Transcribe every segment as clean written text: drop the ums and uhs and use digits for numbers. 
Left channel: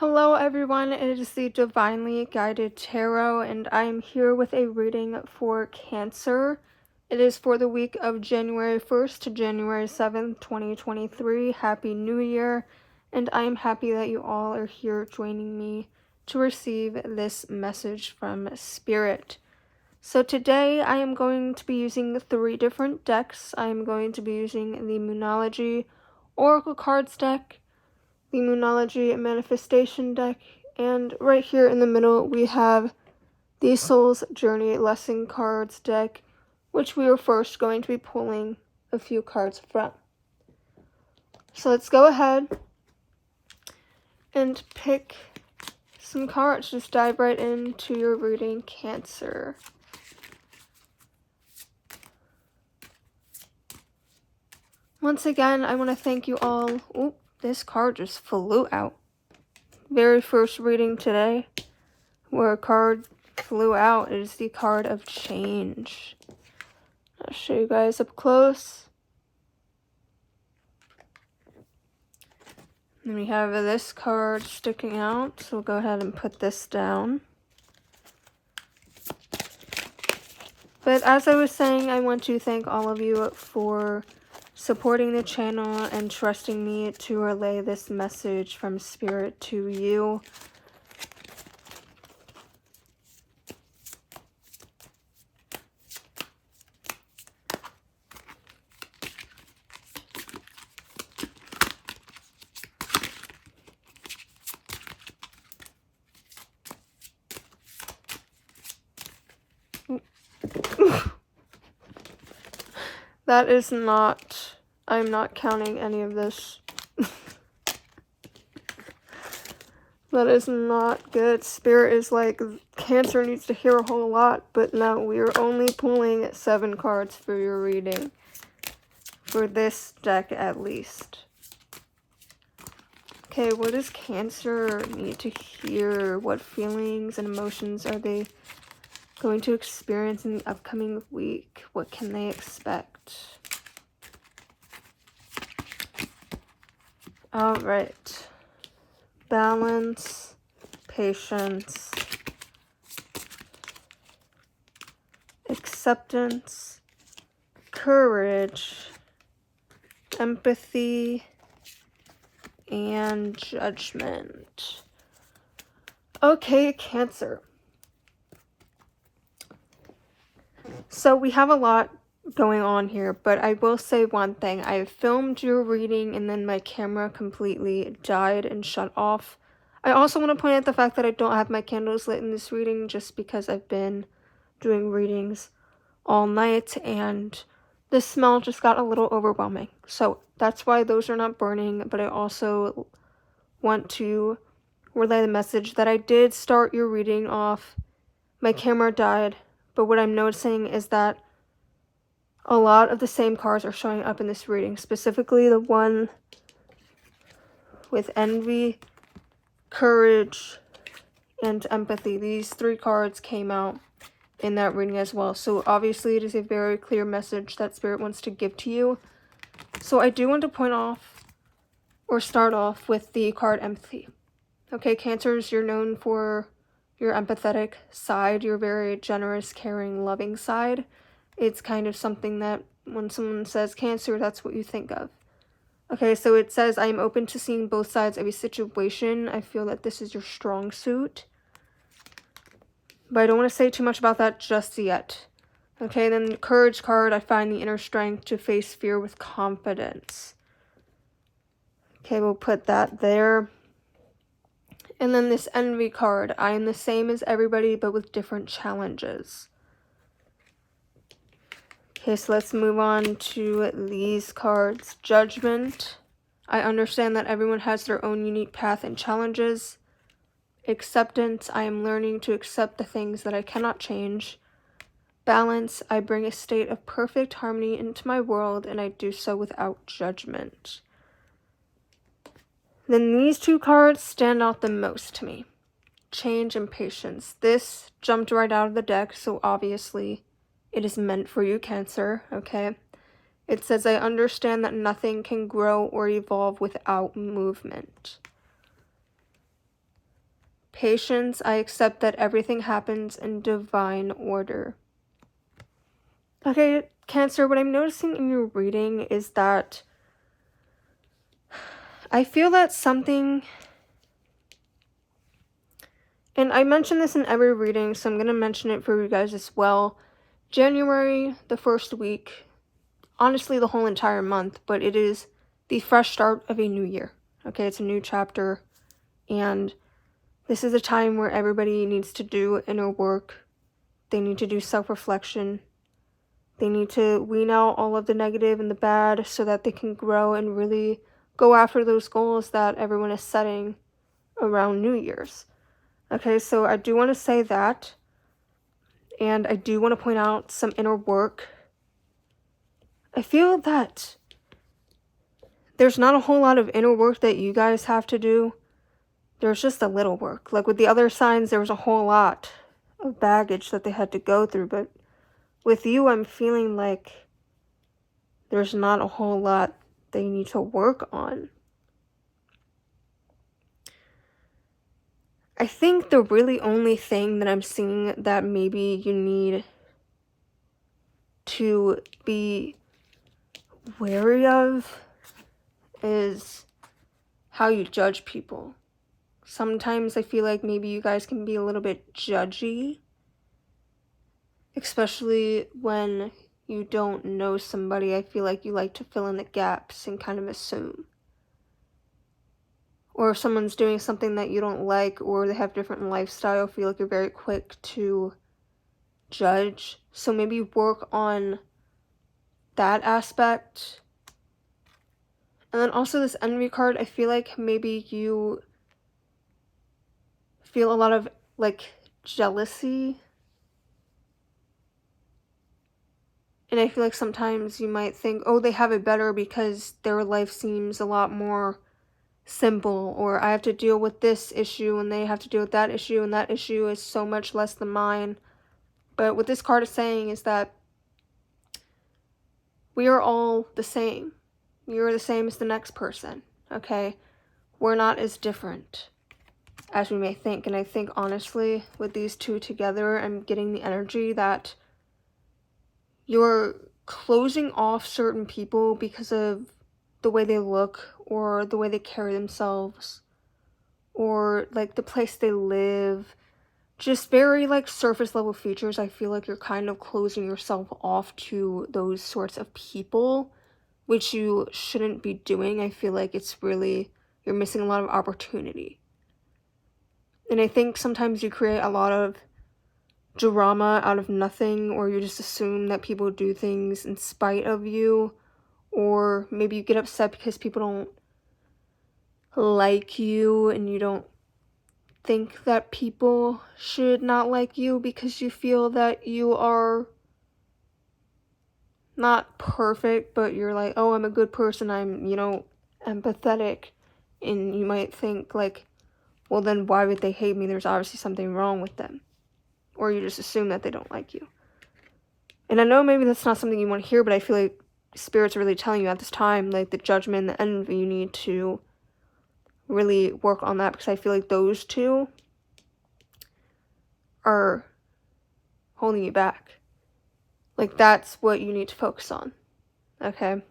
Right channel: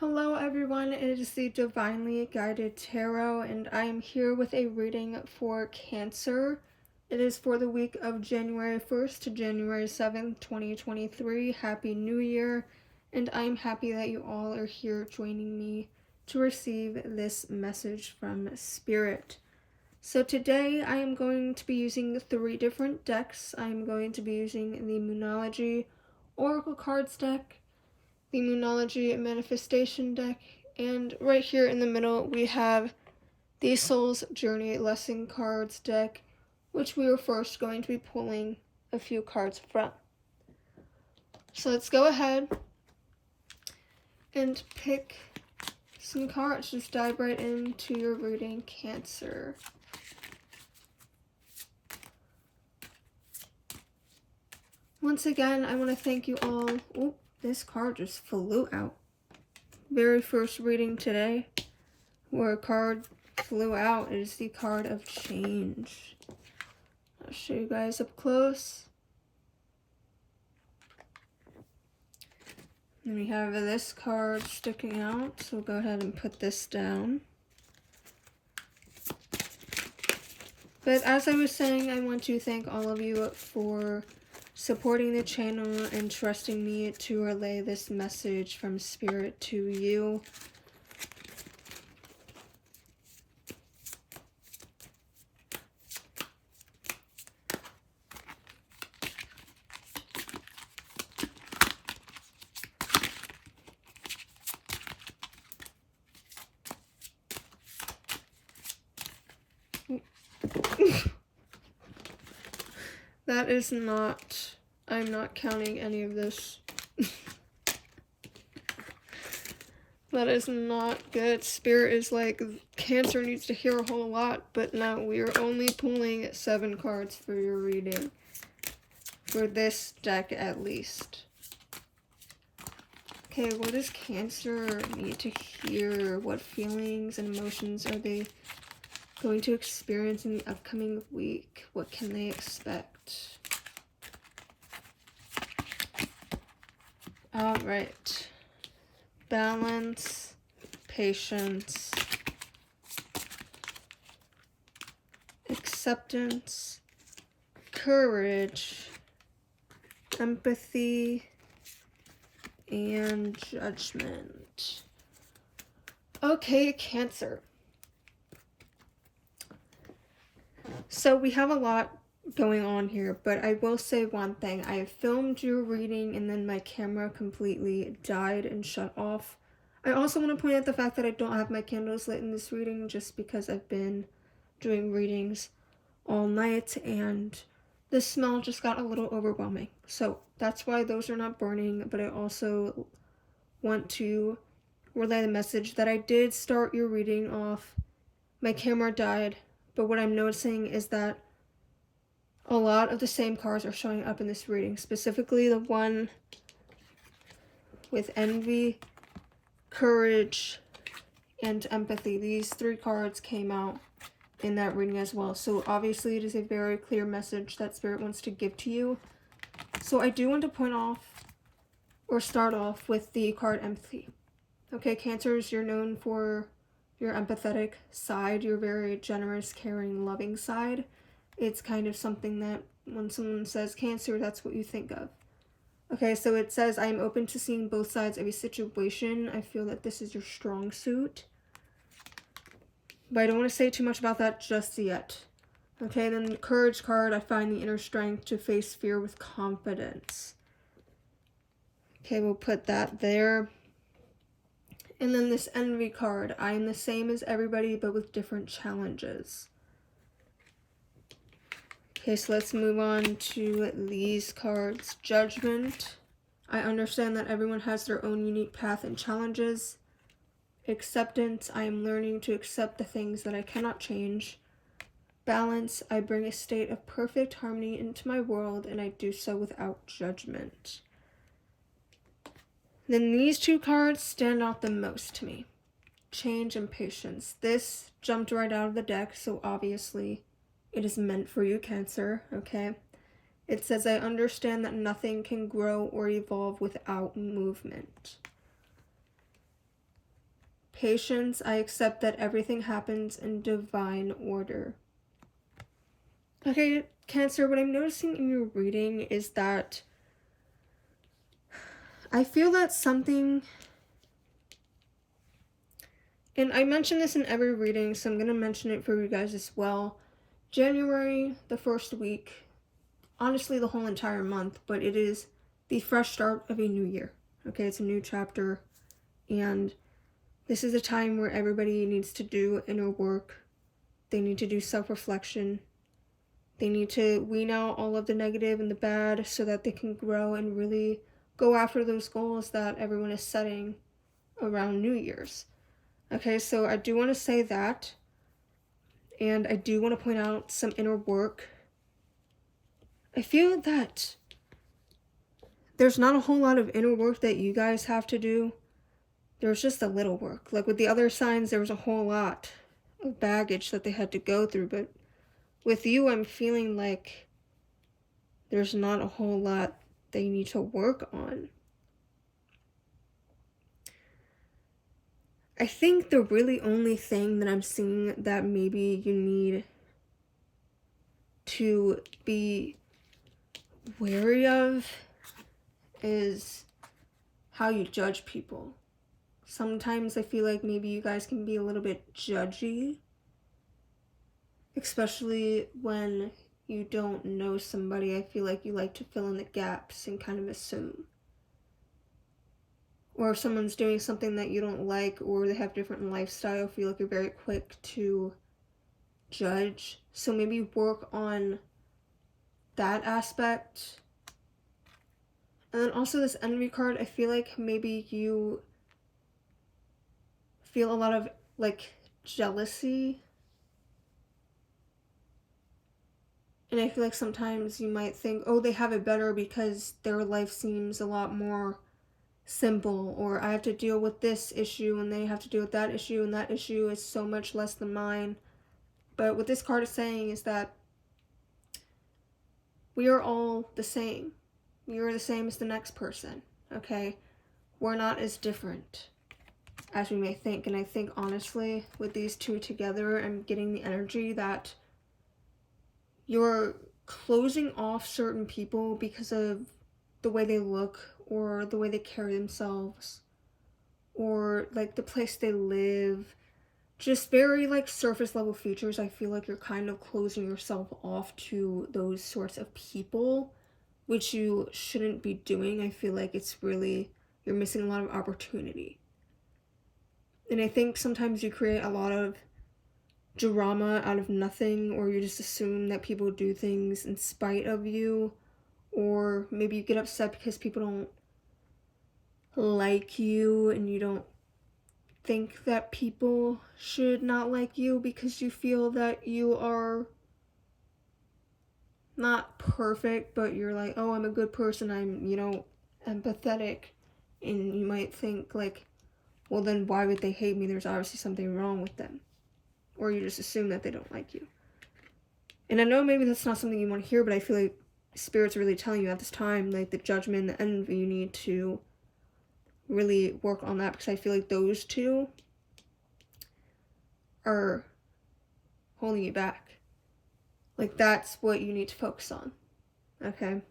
Hello everyone, it is the Divinely Guided Tarot and I am here with a reading for Cancer. It is for the week of January 1st to January 7th, 2023. Happy New Year, and I am happy that you all are here joining me to receive this message from Spirit. So today I am going to be using 3 different decks. I am going to be using the Moonology Oracle Cards deck, the Moonology Manifestation deck, and right here in the middle we have the Soul's Journey Lesson Cards deck, which we are first going to be pulling a few cards from. So let's go ahead and pick some cards. Just dive right into your reading, Cancer. Once again, I want to thank you all. Oop, this card just flew out. Very first reading today, where a card flew out, is the card of change. I'll show you guys up close. And we have this card sticking out, so we'll go ahead and put this down. But as I was saying, I want to thank all of you for supporting the channel and trusting me to relay this message from Spirit to you. That is not, I'm not counting any of this. That is not good. Spirit is like, Cancer needs to hear a whole lot, but no, we are only pulling 7 cards for your reading. For this deck at least. Okay, what does Cancer need to hear? What feelings and emotions are they going to experience in the upcoming week? What can they expect? All right. Balance, patience, acceptance, courage, empathy, and judgment. Okay, Cancer. So we have a lot going on here, but I will say one thing. I filmed your reading and then my camera completely died and shut off. I also want to point out the fact that I don't have my candles lit in this reading just because I've been doing readings all night and the smell just got a little overwhelming. So that's why those are not burning, but I also want to relay the message that I did start your reading off. My camera died, but what I'm noticing is that a lot of the same cards are showing up in this reading, specifically the one with envy, courage, and empathy. These 3 cards came out in that reading as well. So obviously it is a very clear message that Spirit wants to give to you. So I do want to point off or start off with the card empathy. Okay, Cancers, you're known for your empathetic side, your very generous, caring, loving side. It's kind of something that when someone says Cancer, that's what you think of. Okay, so it says, I am open to seeing both sides of a situation. I feel that this is your strong suit. But I don't want to say too much about that just yet. Okay, then the Courage card, I find the inner strength to face fear with confidence. Okay, we'll put that there. And then this Envy card, I am the same as everybody but with different challenges. Okay, so let's move on to these cards. Judgment. I understand that everyone has their own unique path and challenges. Acceptance. I am learning to accept the things that I cannot change. Balance. I bring a state of perfect harmony into my world, and I do so without judgment. Then these 2 cards stand out the most to me. Change and patience. This jumped right out of the deck, so obviously it is meant for you, Cancer, okay? It says, I understand that nothing can grow or evolve without movement. Patience, I accept that everything happens in divine order. Okay, Cancer, what I'm noticing in your reading is that I feel that something, and I mention this in every reading, so I'm going to mention it for you guys as well. January, the first week, honestly the whole entire month, but it is the fresh start of a new year. Okay, it's a new chapter, and this is a time where everybody needs to do inner work. They need to do self-reflection. They need to wean out all of the negative and the bad so that they can grow and really go after those goals that everyone is setting around New Year's. Okay, so I do want to say that. And I do want to point out some inner work. I feel that there's not a whole lot of inner work that you guys have to do. There's just a little work. Like with the other signs, there was a whole lot of baggage that they had to go through. But with you, I'm feeling like there's not a whole lot they need to work on. I think the really only thing that I'm seeing that maybe you need to be wary of is how you judge people. Sometimes I feel like maybe you guys can be a little bit judgy, especially when you don't know somebody. I feel like you like to fill in the gaps and kind of assume. Or if someone's doing something that you don't like, or they have different lifestyle, I feel like you're very quick to judge. So maybe work on that aspect. And then also this envy card, I feel like maybe you feel a lot of like jealousy. And I feel like sometimes you might think, oh, they have it better because their life seems a lot more simple, or I have to deal with this issue and they have to deal with that issue, and that issue is so much less than mine. But what this card is saying is that we are all the same. You're the same as the next person, okay? We're not as different as we may think. And I think honestly with these two together, I'm getting the energy that you're closing off certain people because of the way they look, or the way they carry themselves, or like the place they live. Just very like surface level features. I feel like you're kind of closing yourself off to those sorts of people, which you shouldn't be doing. I feel like it's really, you're missing a lot of opportunity. And I think sometimes you create a lot of drama out of nothing, or you just assume that people do things in spite of you, or maybe you get upset because people don't like you and you don't think that people should not like you because you feel that you are not perfect, but you're like, oh, I'm a good person, I'm, you know, empathetic. And you might think like, well, then why would they hate me? There's obviously something wrong with them. Or you just assume that they don't like you. And I know maybe that's not something you want to hear, but I feel like Spirit's really telling you at this time, like the judgment, the envy, you need to really work on that, because I feel like those two are holding you back. Like that's what you need to focus on, okay?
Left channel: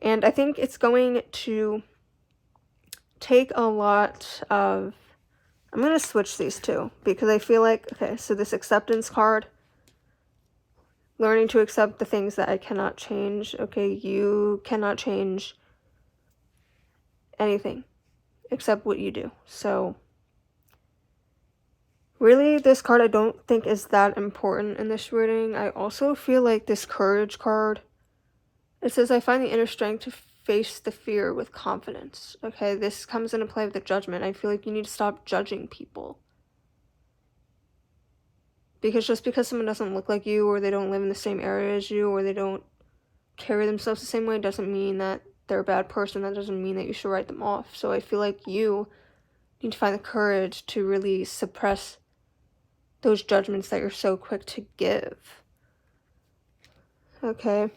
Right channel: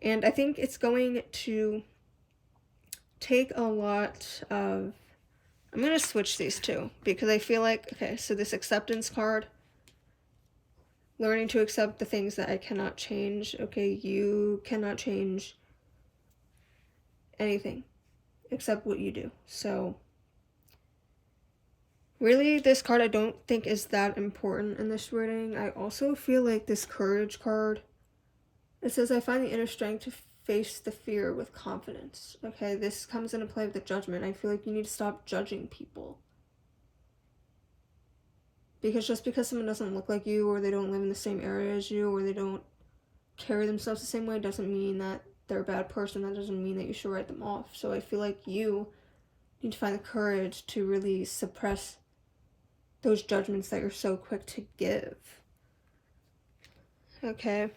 And I think it's going to take a lot of, I'm going to switch these two, because I feel like, okay, so this acceptance card, learning to accept the things that I cannot change. Okay, you cannot change anything except what you do. So really, this card I don't think is that important in this reading. I also feel like this courage card, it says, I find the inner strength to face the fear with confidence. Okay, this comes into play with the judgment. I feel like you need to stop judging people. Because just because someone doesn't look like you, or they don't live in the same area as you, or they don't carry themselves the same way, doesn't mean that they're a bad person. That doesn't mean that you should write them off. So I feel like you need to find the courage to really suppress those judgments that you're so quick to give. Okay.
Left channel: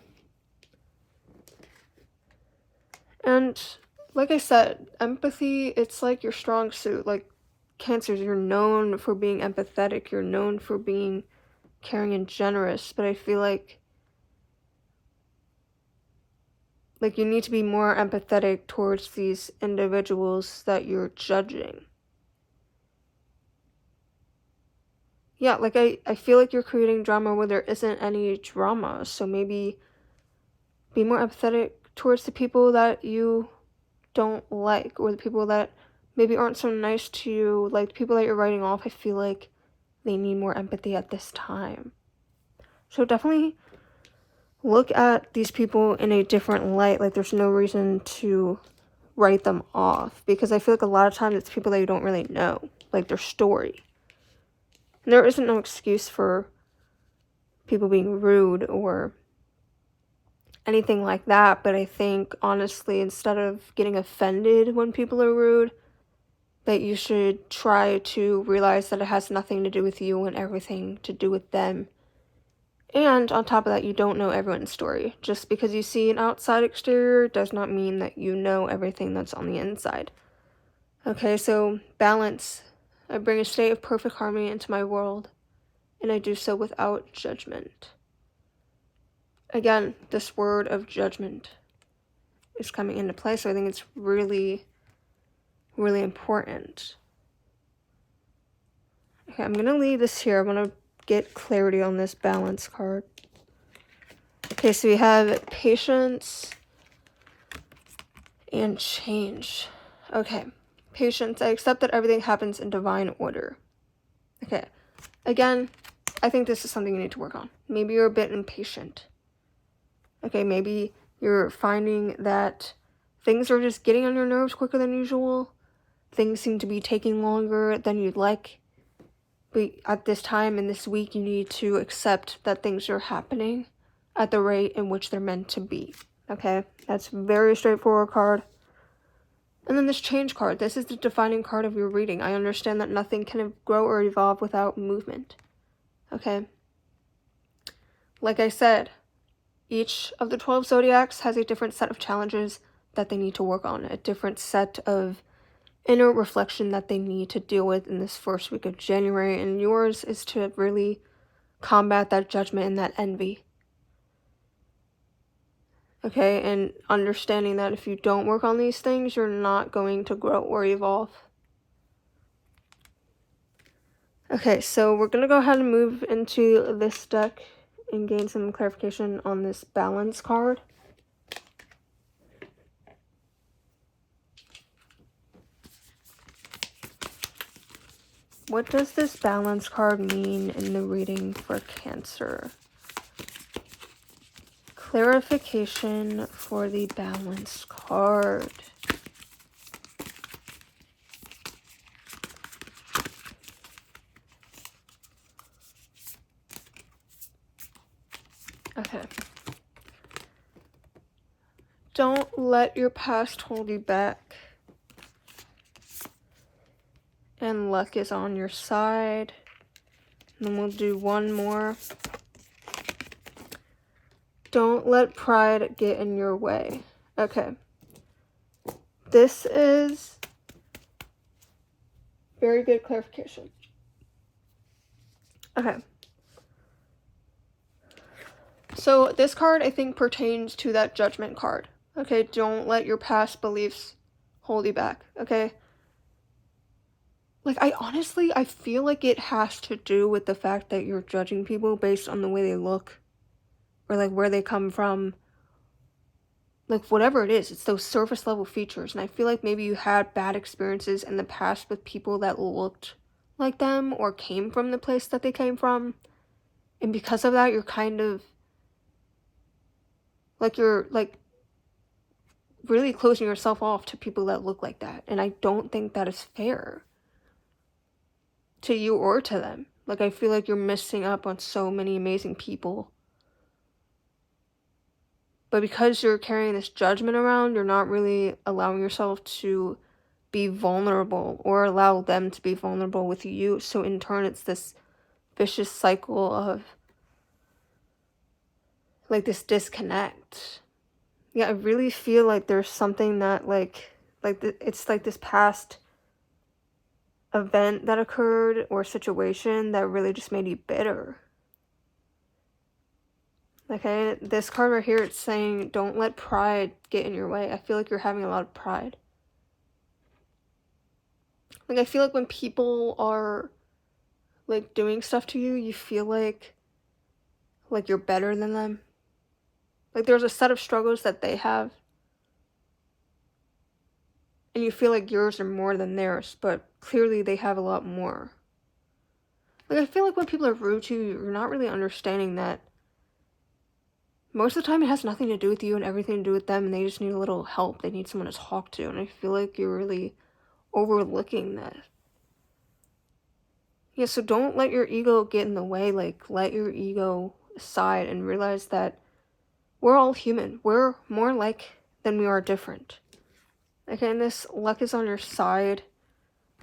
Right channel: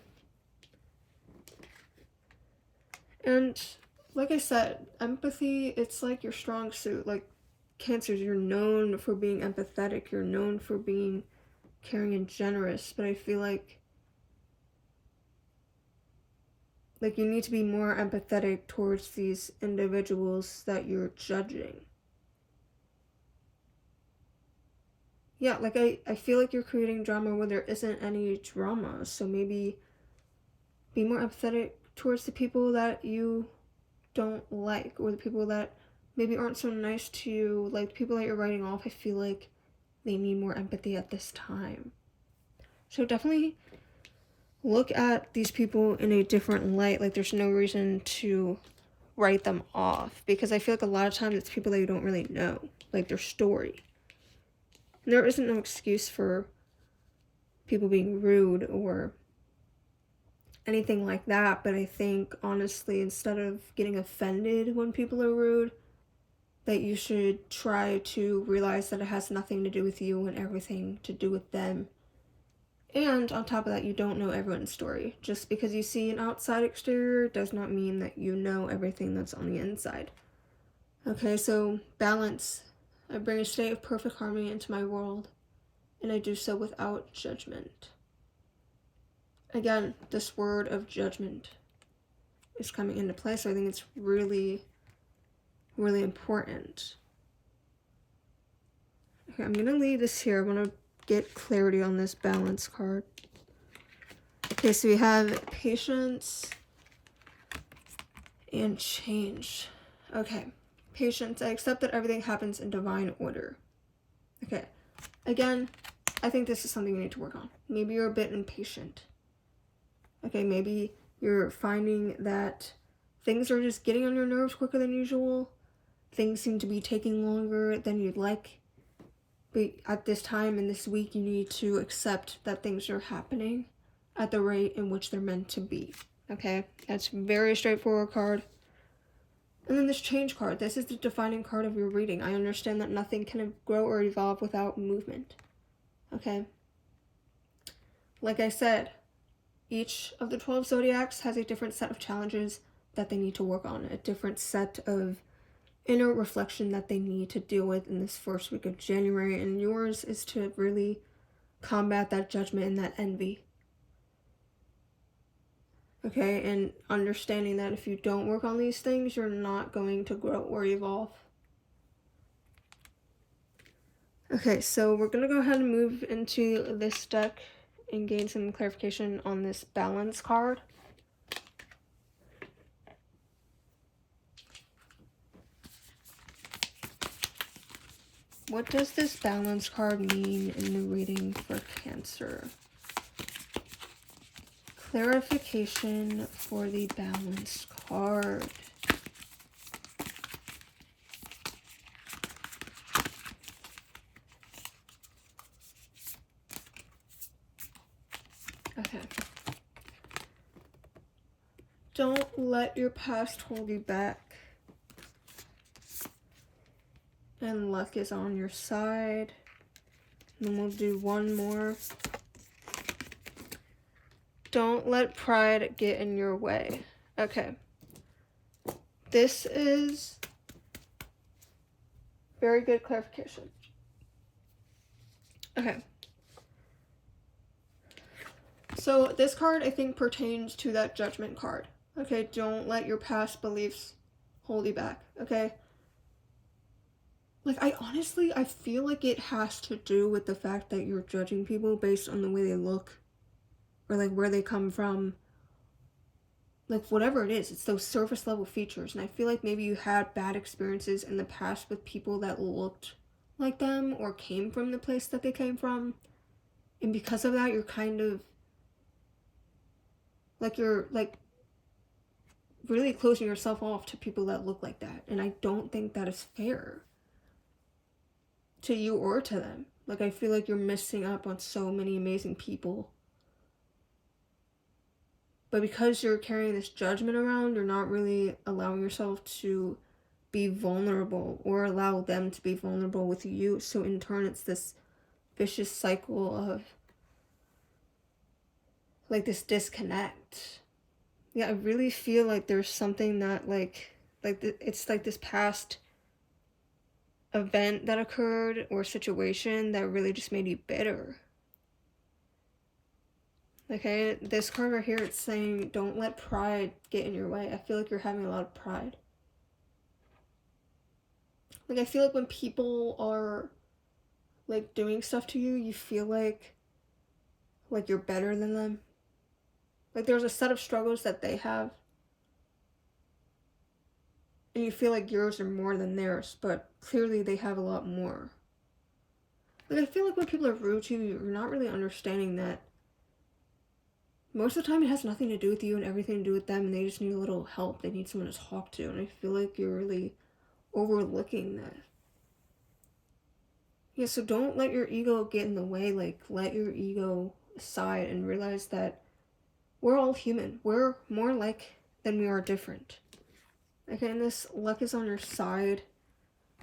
And like I said, empathy, it's like your strong suit. Like Cancers, you're known for being empathetic, you're known for being caring and generous, but I feel like you need to be more empathetic towards these individuals that you're judging. Yeah, like I feel like you're creating drama where there isn't any drama, so maybe be more empathetic towards the people that you don't like, or the people that maybe aren't so nice to you, like the people that you're writing off. I feel like they need more empathy at this time. So definitely look at these people in a different light. Like there's no reason to write them off, because I feel like a lot of times it's people that you don't really know, like their story. And there isn't no excuse for people being rude or anything like that, but I think honestly, instead of getting offended when people are rude, that you should try to realize that it has nothing to do with you and everything to do with them. And on top of that, you don't know everyone's story. Just because you see an outside exterior does not mean that you know everything that's on the inside. Okay, so balance. I bring a state of perfect harmony into my world, and I do so without judgment. Again, this word of judgment is coming into play, so I think it's really, really important. Okay, I'm going to leave this here. I want to get clarity on this balance card. Okay, so we have patience and change. Okay, patience. I accept that everything happens in divine order. Okay, again, I think this is something you need to work on. Maybe you're a bit impatient. Okay, maybe you're finding that things are just getting on your nerves quicker than usual. Things seem to be taking longer than you'd like. But at this time in this week, you need to accept that things are happening at the rate in which they're meant to be. Okay, that's a very straightforward card. And then this change card. This is the defining card of your reading. I understand that nothing can grow or evolve without movement. Okay. Like I said, each of the 12 zodiacs has a different set of challenges that they need to work on, a different set of inner reflection that they need to deal with in this first week of January, and yours is to really combat that judgment and that envy. Okay, and understanding that if you don't work on these things, you're not going to grow or evolve. Okay, so we're going to go ahead and move into this deck and gain some clarification on this balance card. What does this balance card mean in the reading for Cancer? Clarification for the balance card. Okay. Don't let your past hold you back. And luck is on your side. And then we'll do one more. Don't let pride get in your way. Okay. This is very good clarification. Okay. So this card, I think, pertains to that judgment card. Okay, don't let your past beliefs hold you back. Okay. Like, I feel like it has to do with the fact that you're judging people based on the way they look, or like where they come from. Like, whatever it is, it's those surface level features. And I feel like maybe you had bad experiences in the past with people that looked like them or came from the place that they came from. And because of that, you're kind of like, you're like really closing yourself off to people that look like that. And I don't think that is fair to you or to them. Like, I feel like you're missing up on so many amazing people. But because you're carrying this judgment around, you're not really allowing yourself to be vulnerable or allow them to be vulnerable with you. So in turn, it's this vicious cycle of like this disconnect. Yeah, I really feel like there's something that like Like, it's like this past event that occurred or situation that really just made you bitter. Okay, this card right here, it's saying don't let pride get in your way. I feel like you're having a lot of pride. Like, I feel like when people are, like, doing stuff to you, you feel like you're better than them. Like, there's a set of struggles that they have, and you feel like yours are more than theirs, but clearly they have a lot more. Like, I feel like when people are rude to you, you're not really understanding that most of the time it has nothing to do with you and everything to do with them, and they just need a little help. They need someone to talk to, and I feel like you're really overlooking that. Yeah, so don't let your ego get in the way. Like, let your ego aside and realize that we're all human. We're more alike than we are different. Okay, and this luck is on your side.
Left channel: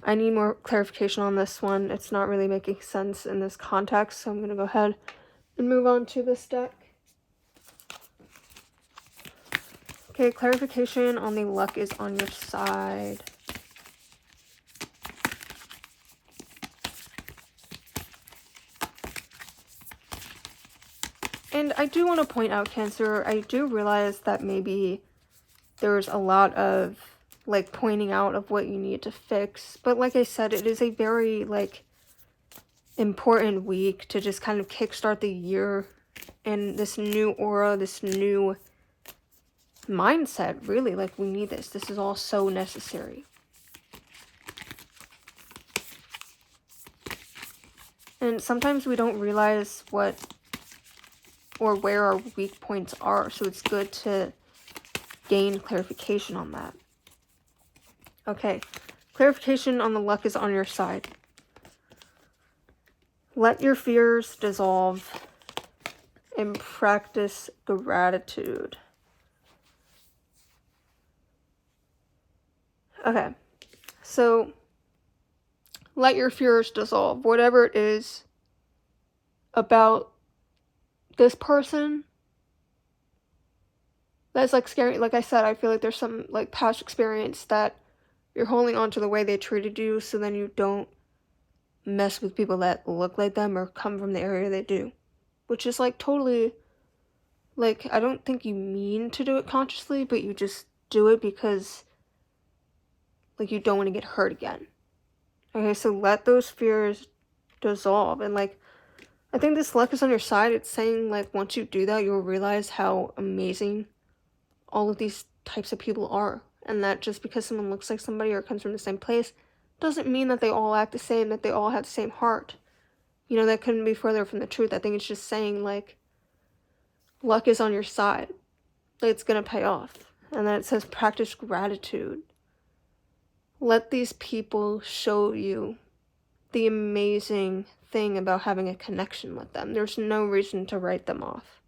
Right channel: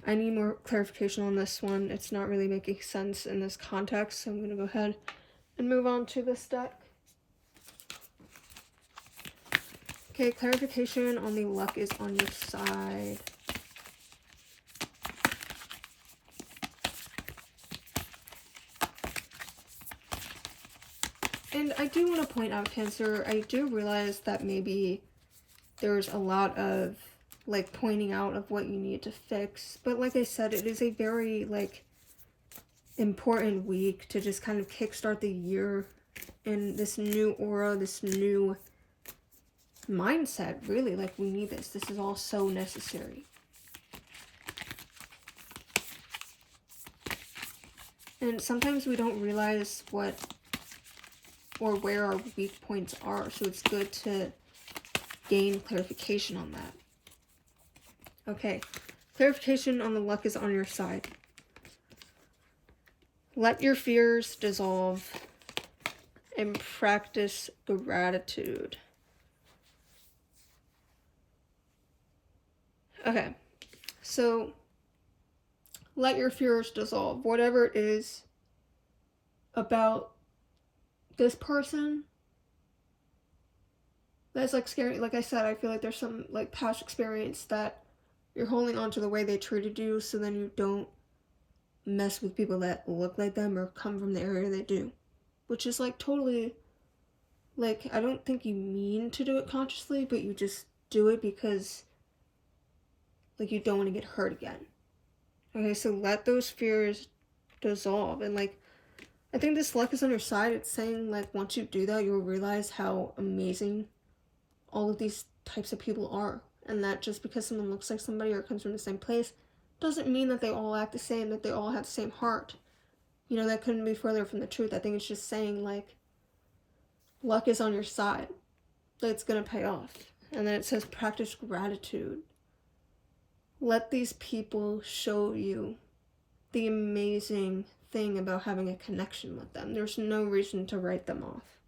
I need more clarification on this one. It's not really making sense in this context, so I'm going to go ahead and move on to this deck. Okay, clarification on the luck is on your side. And I do want to point out, Cancer, I do realize that maybe there's a lot of, like, pointing out of what you need to fix. But like I said, it is a very, like, important week to just kind of kickstart the year and this new aura, this new mindset, really. Like, we need this. This is all so necessary. And sometimes we don't realize what or where our weak points are, so it's good to gain clarification on that. Okay, clarification on the luck is on your side. Let your fears dissolve and practice gratitude. Okay, so let your fears dissolve. Whatever it is about this person that's, like, scary. Like I said, I feel like there's some, like, past experience that you're holding on to the way they treated you, so then you don't mess with people that look like them or come from the area they do. Which is, like, totally, like, I don't think you mean to do it consciously, but you just do it because, like, you don't want to get hurt again. Okay, so let those fears dissolve. And, like, I think this luck is on your side. It's saying, like, once you do that, you'll realize how amazing all of these types of people are. And that just because someone looks like somebody or comes from the same place doesn't mean that they all act the same, that they all have the same heart. You know, that couldn't be further from the truth. I think it's just saying, like, luck is on your side. It's gonna pay off. And then it says practice gratitude. Let these people show you the amazing thing about having a connection with them. There's no reason to write them off.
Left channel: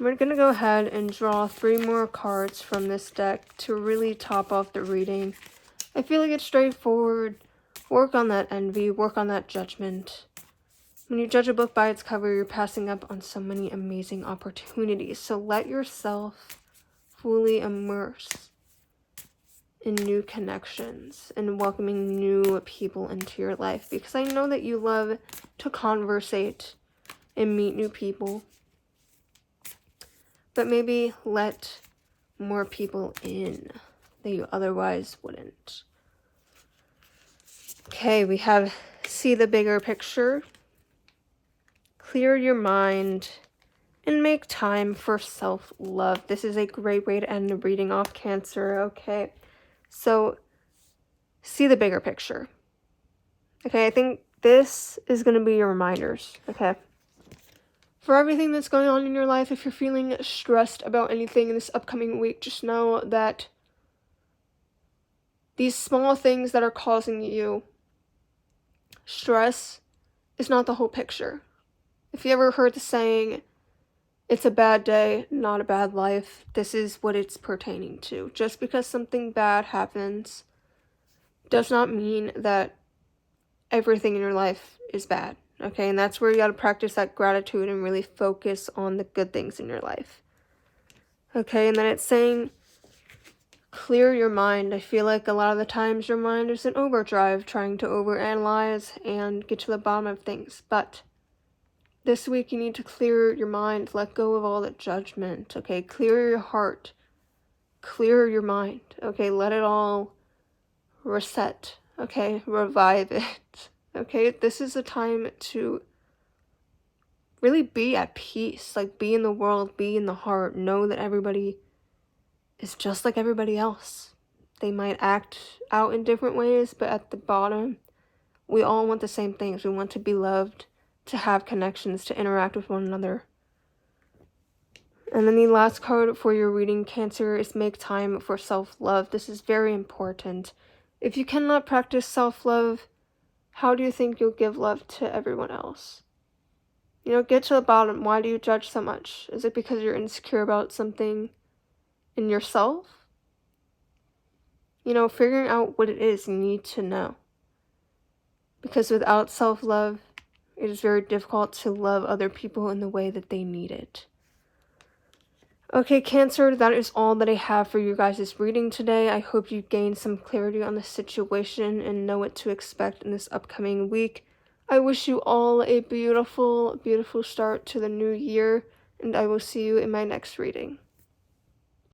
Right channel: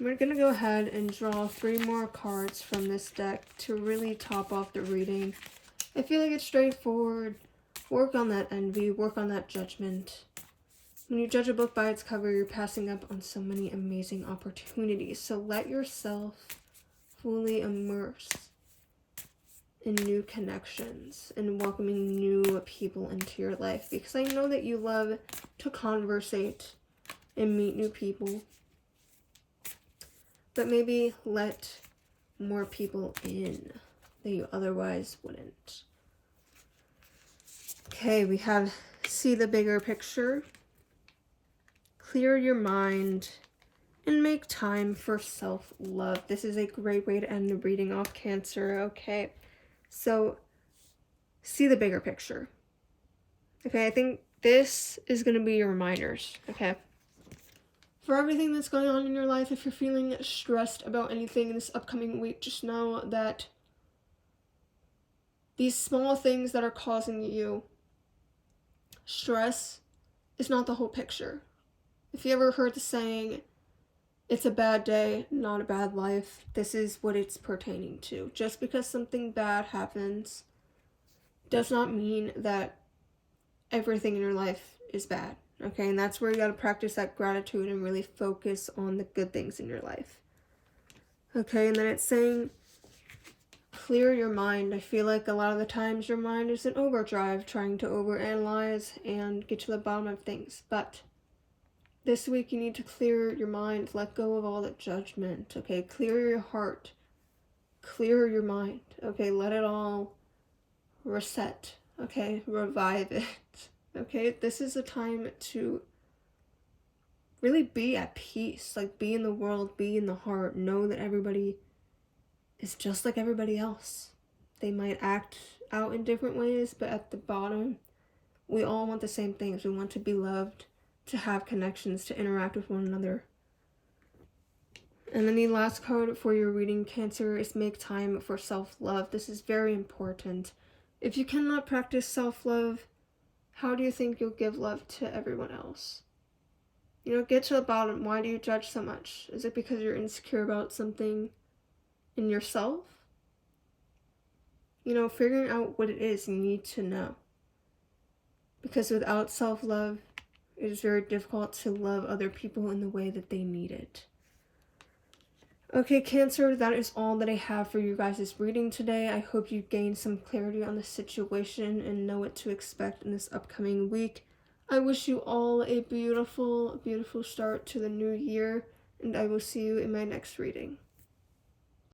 We're going to go ahead and draw 3 more cards from this deck to really top off the reading. I feel like it's straightforward. Work on that envy, work on that judgment. When you judge a book by its cover, you're passing up on so many amazing opportunities. So let yourself fully immerse in new connections and welcoming new people into your life, because I know that you love to conversate and meet new people, but maybe let more people in that you otherwise wouldn't. Okay, we have see the bigger picture, clear your mind, and make time for self-love. This is a great way to end the reading off, Cancer. Okay. So, see the bigger picture. Okay, I think this is going to be your reminders, okay? For everything that's going on in your life, if you're feeling stressed about anything in this upcoming week, just know that these small things that are causing you stress is not the whole picture. If you ever heard the saying, it's a bad day, not a bad life, this is what it's pertaining to. Just because something bad happens does not mean that everything in your life is bad, okay? And that's where you got to practice that gratitude and really focus on the good things in your life. Okay, and then it's saying, clear your mind. I feel like a lot of the times your mind is in overdrive, trying to overanalyze and get to the bottom of things. But this week you need to clear your mind, let go of all the judgment, okay? Clear your heart, clear your mind, okay? Let it all reset, okay? Revive it, okay? This is a time to really be at peace, like be in the world, be in the heart, know that everybody is just like everybody else. They might act out in different ways, but at the bottom, we all want the same things. We want to be loved, to have connections, to interact with one another. And then the last card for your reading, Cancer, is make time for self-love. This is very important. If you cannot practice self-love, how do you think you'll give love to everyone else? You know, get to the bottom. Why do you judge so much? Is it because you're insecure about something in yourself? You know, figuring out what it is you need to know. Because without self-love, it is very difficult to love other people in the way that they need it. Okay, Cancer, that is all that I have for you guys' reading today. I hope you gained some clarity on the situation and know what to expect in this upcoming week. I wish you all a beautiful, beautiful start to the new year, and I will see you in my next reading.